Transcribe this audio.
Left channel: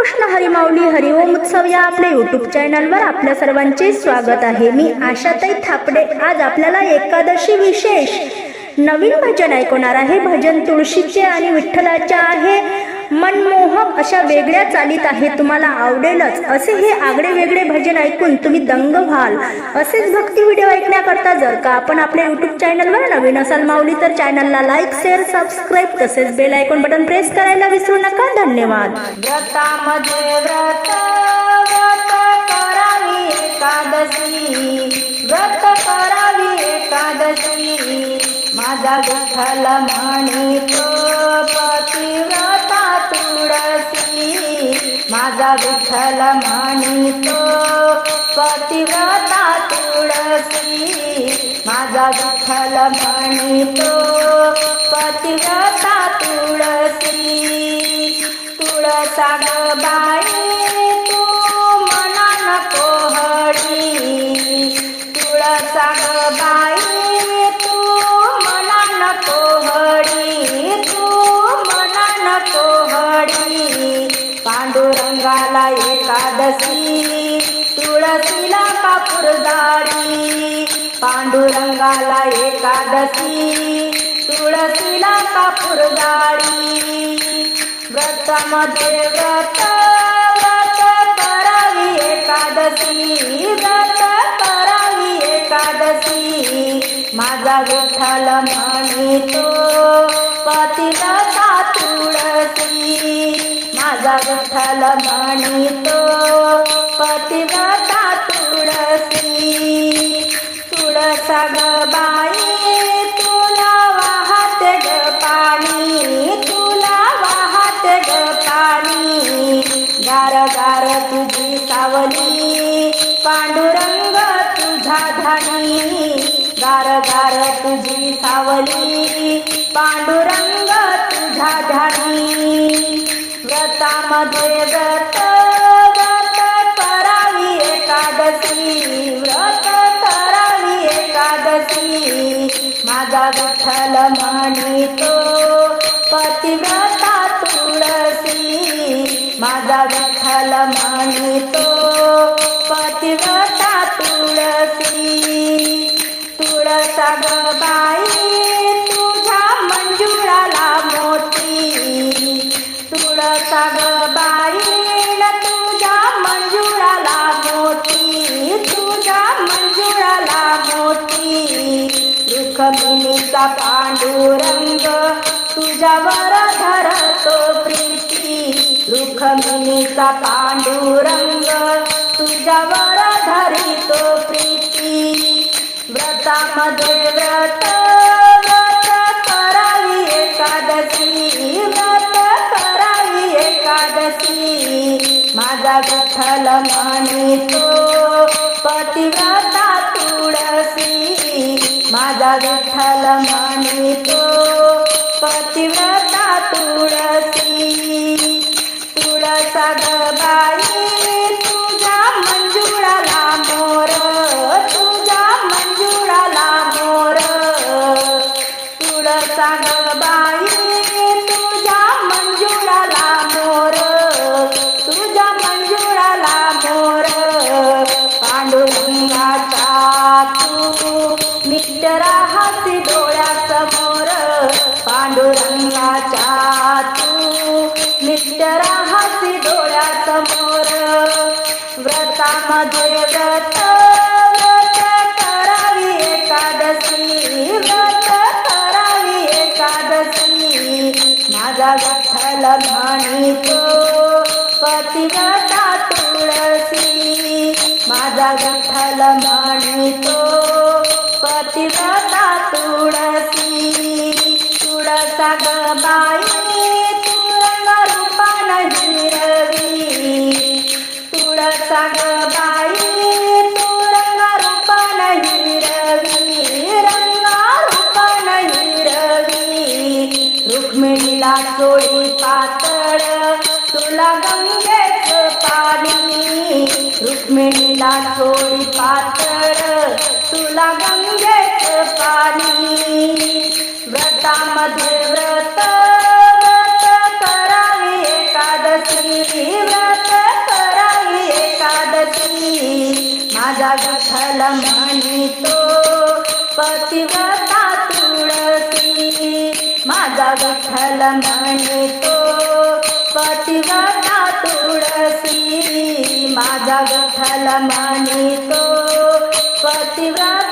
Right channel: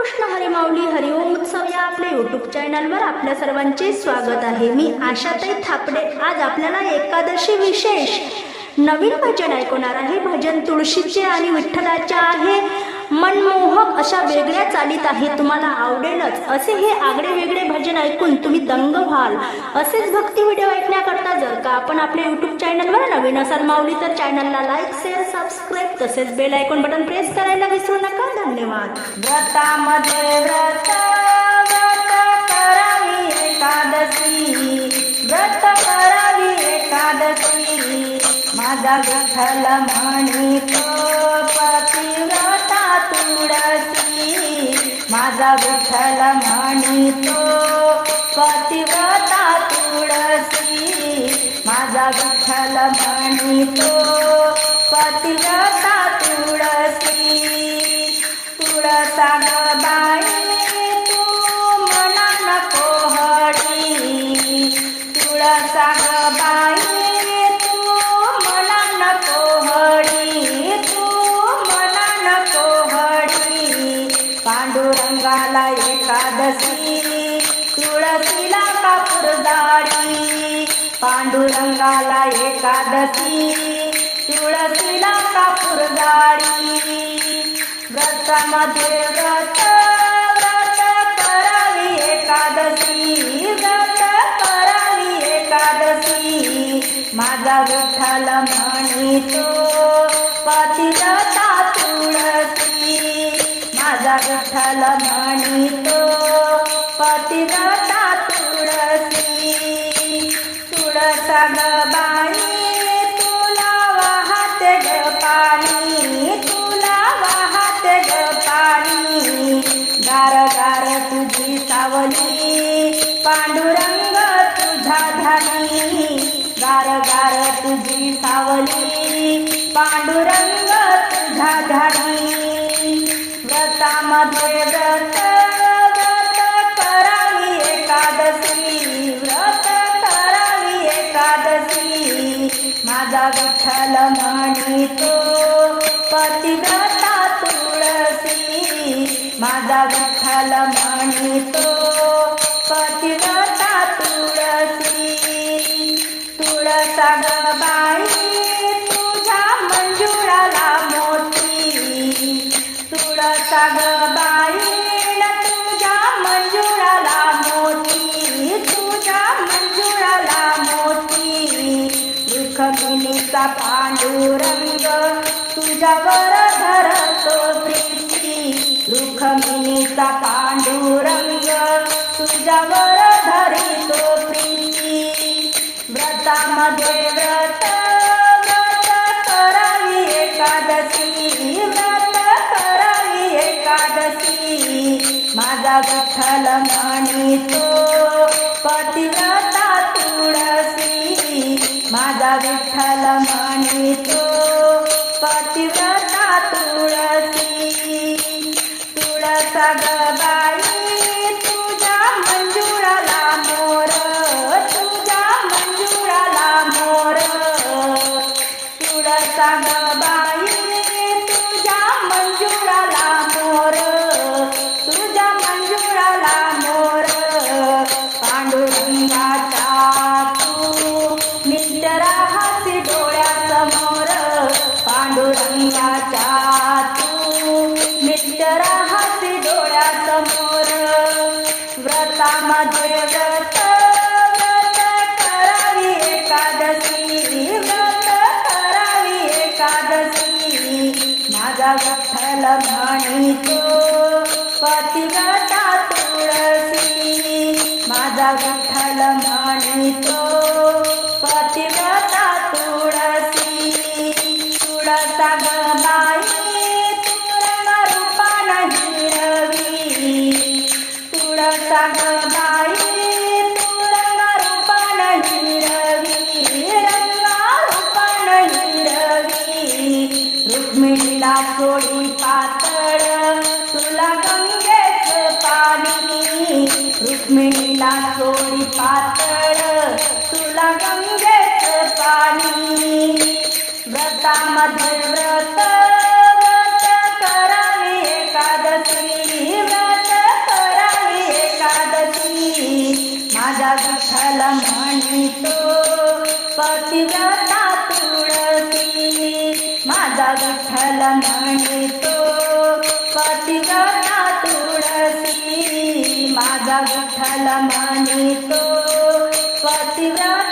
कृष्ण हरिमाऊली हरिओम उत्सव या आपल्या युट्यूब चॅनलवर आपल्या सर्वांचे स्वागत आहे. मी आशाताई थापडे. आज आपल्याला एकादशी विशेष नवीन भजन ऐकवणार आहे. भजन तुळशीचे आणि विठ्ठलाचे आहे. मनमोहक अशा वेगळ्या चालीत आहे तुम्हाला आवडेलच. असे हे आगळे वेगळे भजन ऐकून तुम्ही दंग व्हाल. असेच भक्ती व्हिडिओ ऐकण्याकरता जर का आपण आपल्या युट्यूब चॅनलवर नवीन असाल माऊली तर चॅनलला लाईक शेअर सबस्क्राईब तसेच बेल आयकॉन बटन प्रेस करायला विसरू नका. धन्यवाद. व्रतामध्ये व्रत व्रत करावी एकादशी. व्रत करावी एकादशी. माझा विठ्ठल म्हणतो पतिव्रता तुळसी माझा विठ्ठल म्हणतो. पतिव्रता तुळसी माझा विठ्ठल म्हणतो. पतिव्रता तुळसी तुळसा ग देवाला एकादशी. तुळशीला कापूर जाडी पांडुरंगाला एकादशी. तुळशीला कापूर जाडी व्रतामध्ये व्रत व्रत करावी एकादशी. व्रत करावी एकादशी. माझा विठ्ठल म्हणतो विठ्ठल तो पतिव्रता तुळसी. तुळसा ग बाई तुला वाहते ग पाणी. तुला वाहते ग पाणी. गार गार तुझी सावली पांडुरंग तुझा धानी गार गार तुझी सावली पांडुरंग तुझा धानी व्रतामध्ये व्रत व्रत करावी एकादशी व्रत करावी एकादशी माझा विठ्ठल म्हणतो पतिव्रता तुळसी माझा विठ्ठल म्हणतो तुळसा ग बाई तुझ्या मंजुळाला मोती तुझ्या मंजुळाला मोती. रुखमिनीचा पांडुरंग तुझ्यावर धरतो प्रीती. रुखमिनीचा पांडुरंग तुझ्यावर धरितो प्रीती. व्रतामध्ये व्रत एकादशी माझा विठ्ठल पतिव्रता तुळसी माझा विठ्ठल म्हणतो माझा विठ्ठल म्हणतो पतिव्रता तुळसी माझा विठ्ठल म्हणतो जोडी पातळ तुला गंगेच पाणी. रुक्मिणीला जोडी पातळ तुला गंगेच पाणी. व्रतामध्ये व्रत व्रत करावी एकादशी. व्रत करावी एकादशी. माझा विठ्ठल म्हणतो पतिव्रता विठ्ठल म्हणतो पतिव्रता तुळसी माझा विठ्ठल म्हणतो पतिव्रता